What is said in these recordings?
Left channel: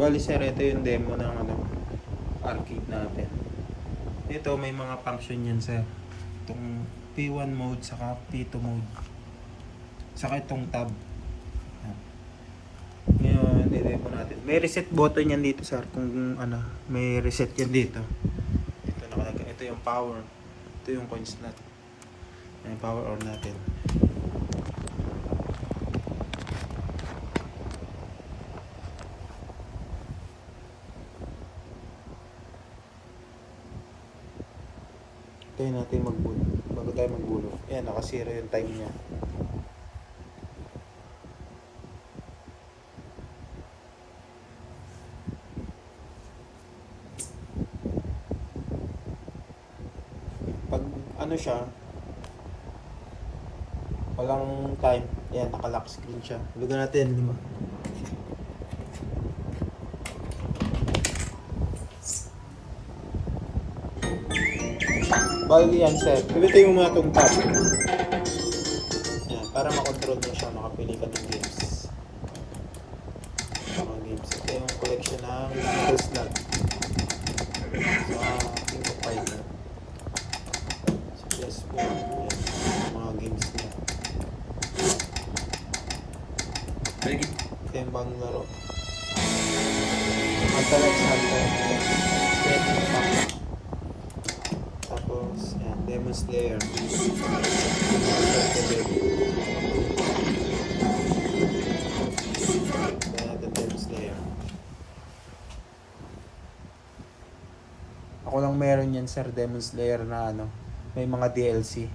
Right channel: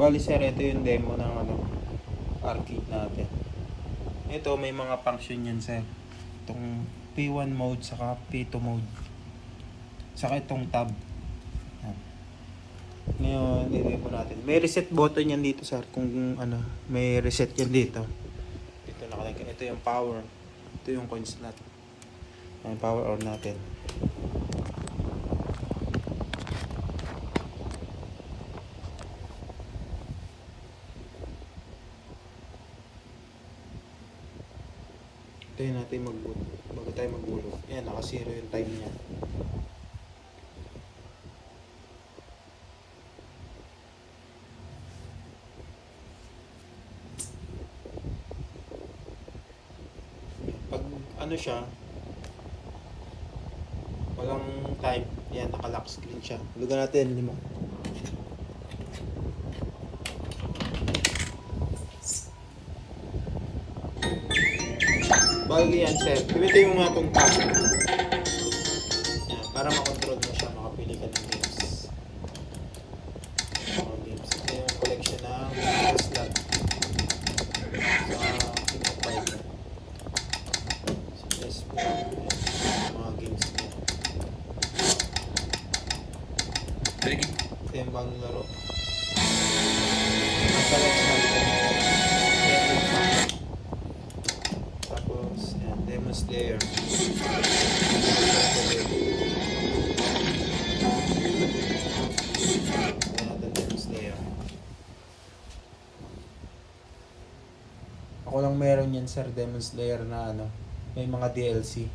Bali sir, ito yung demo ng arcade natin. Ito may mga function yan sir. Itong P1 mode saka P2 mode. Saka itong tab. Ngayon, i-demo natin. May reset button yan dito sir. Kung may reset yan dito. Dito nakalagay. Ito yung power. Ito yung coin slot. May power on natin. Tayo natin magbulot. Bago tayo magbulot. Yan, naka-zero yung time niya. Pag siya, walang time, yan, naka-lock screen siya. Hulugan natin, 5. Bali yan, sir. Pilitin mo muna itong tab. Yan, para makontrol mo siya, makapili ka ng games. Mga games. Ito yung collection ng metal slot. Sa King of Fighter. Si PS4. Yan, mga games niya. Ito yung bagong laro. Hunter x Hunter. Devil Pack. Tapos, yan, Demon Slayer. The Demon Slayer. Ako lang meron yan sir, Demon Slayer na may mga DLC.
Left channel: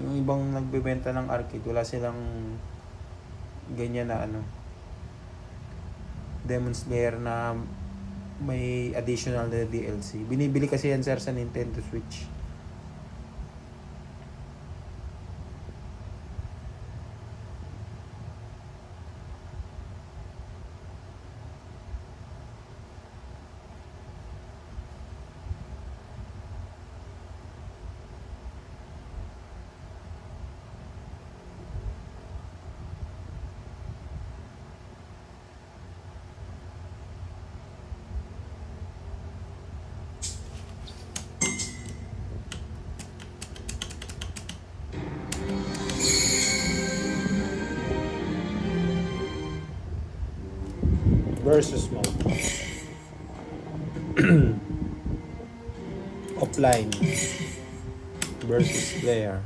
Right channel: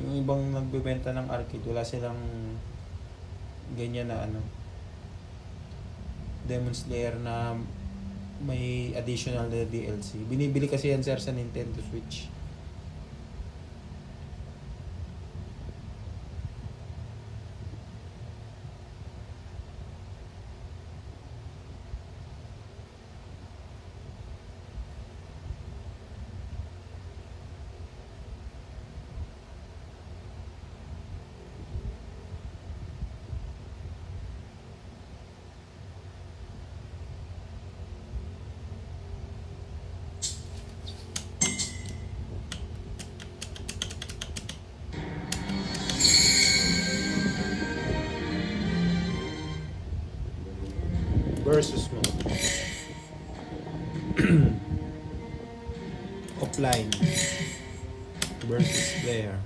Yung ibang nagbebenta ng arcade, wala silang ganyan na Demon Slayer na may additional na DLC. Binibili kasi yan sir sa Nintendo Switch. Versus mode. Offline versus player.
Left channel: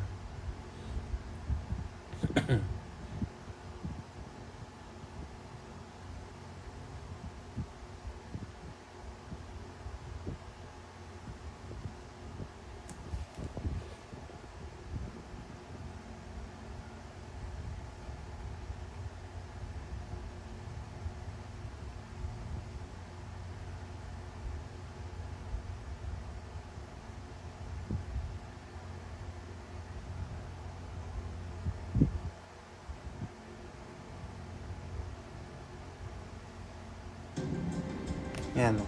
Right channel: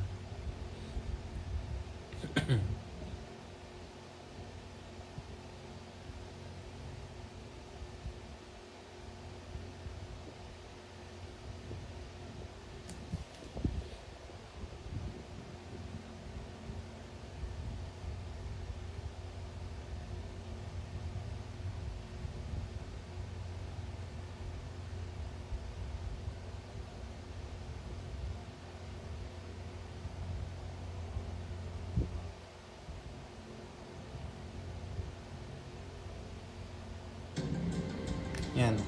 Yan,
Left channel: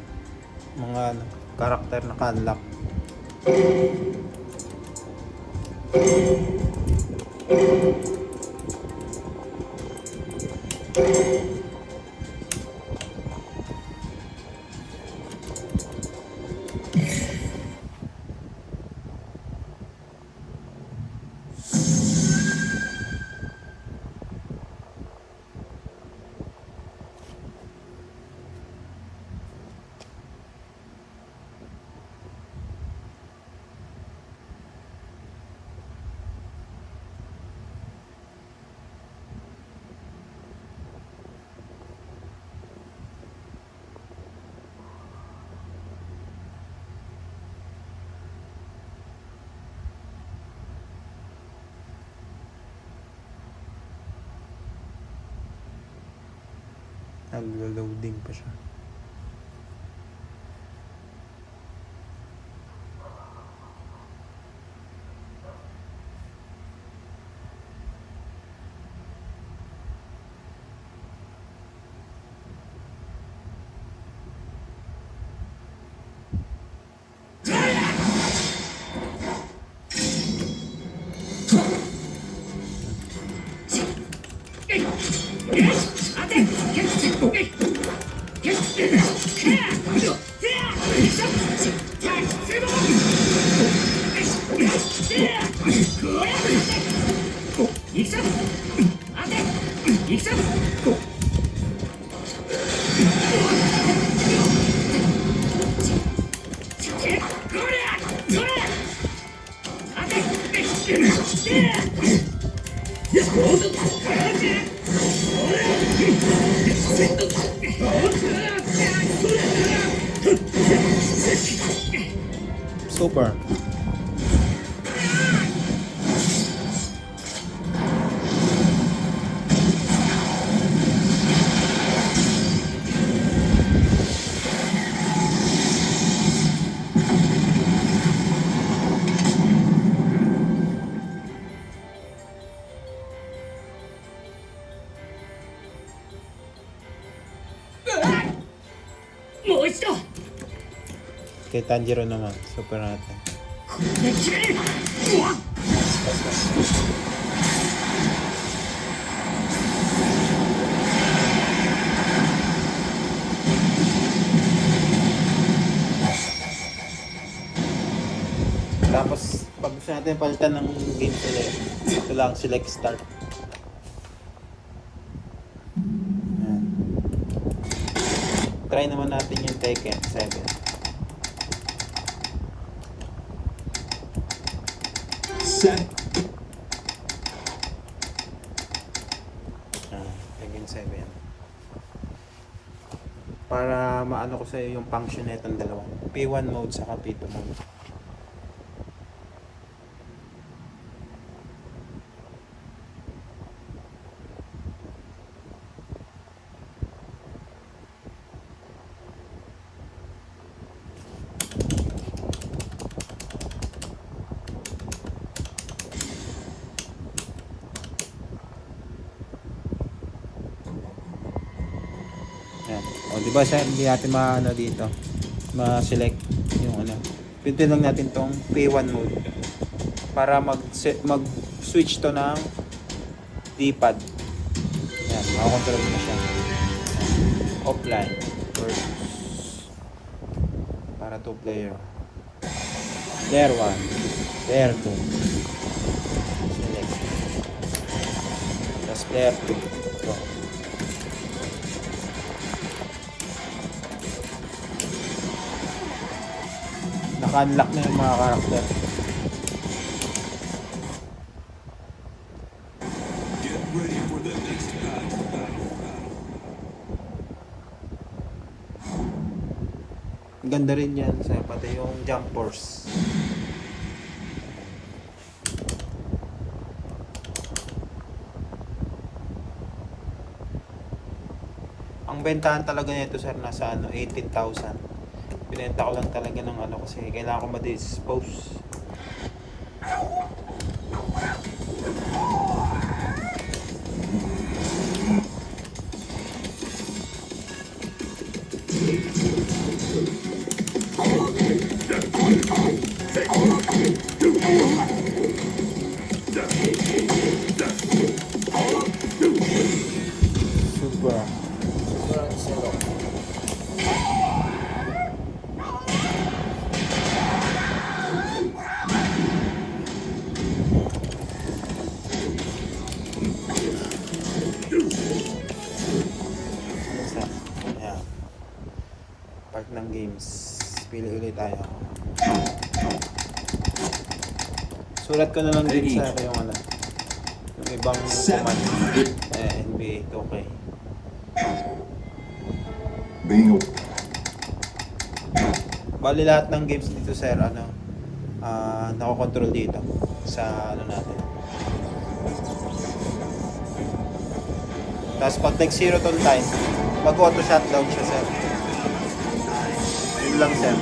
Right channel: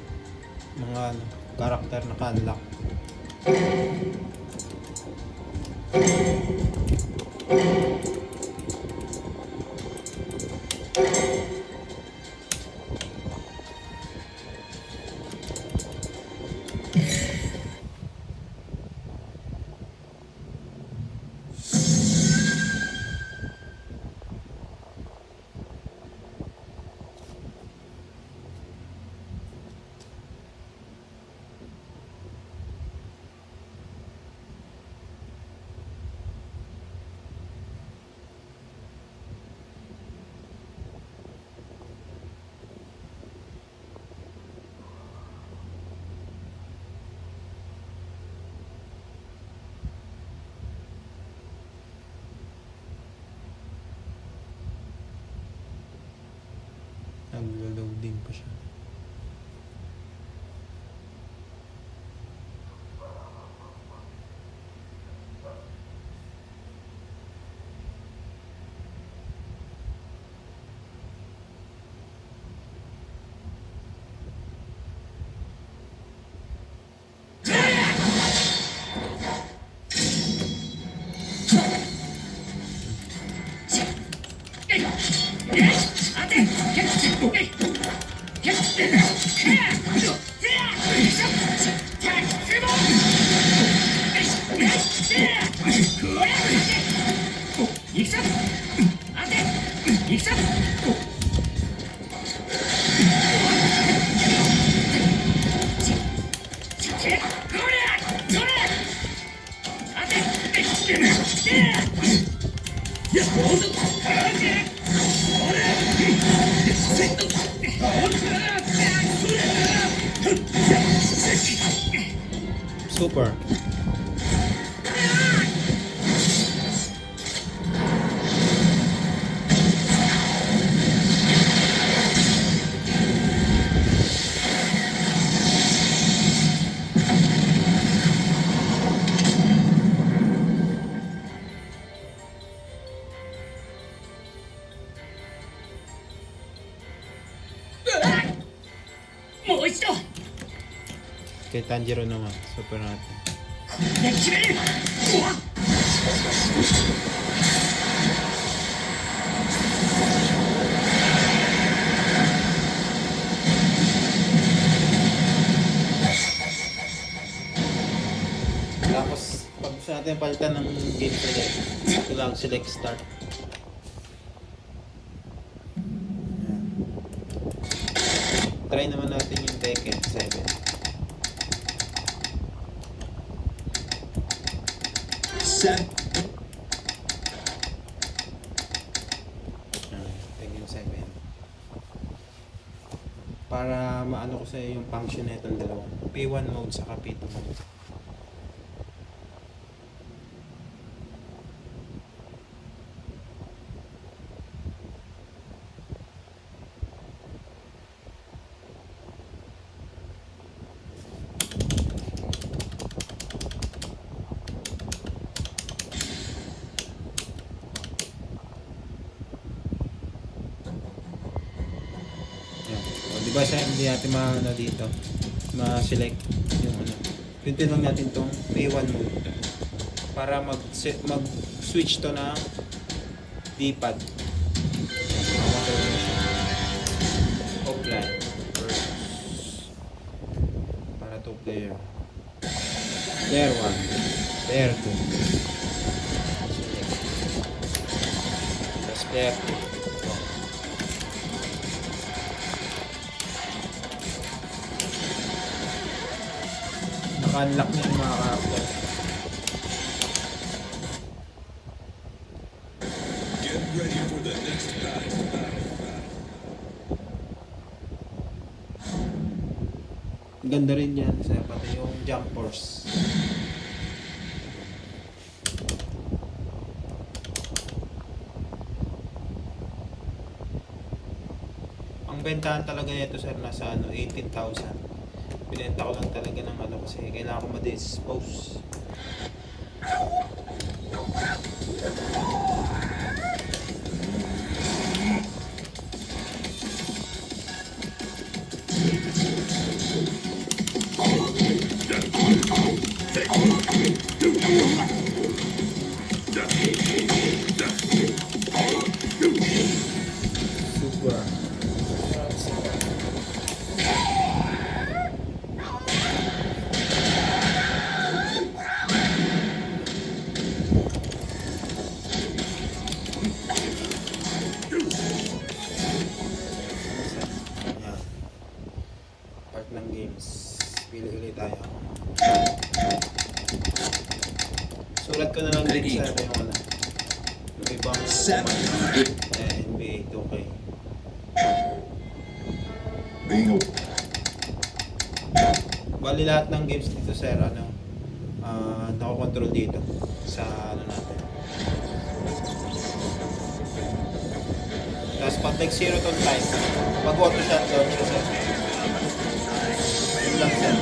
mga karakter na ka-unlock. Naglo-loading pa siya. Super. Kay Tanjiro naman, super natin. Tapos, pag gusto natin palitan ng games ulit, ito lang, select start. Ayan. Try naman natin yung Tekken 7. Tekken 7. Para maano ko sa iyo yung function netong dalawang P1 mode sa P2 mode. Yan. O, di ba siya hindi natin maano dito, ma-select yung ano. Pindutin lang natin tong P1 mode para mag-switch to ng D-pad. Yan, makakontrol na siya. Offline versus para 2 player. Player 1, player 2. Select. Tapos player 2. Ito. Naka-unlock na yung mga karakter. Get ready for the next battle. Ang ganda rin yan sa pati yung jump force. Ang bentahan talaga nito sir nasa ano 18,000. Pinenta ko lang talaga ng ano kasi kailangan ko ma-dispose. Super. Super solo. Yan. Part ng games. Pili ulit tayo. Sulat ko na lang din sa yung ano. Yung ibang command. NBA 2K. Bingo. Bali lahat ng games dito sir ano nakokontrol dito sa ano natin. Tapos pag nag 0 ton time, mag auto shutdown siya sir. Yun lang sir.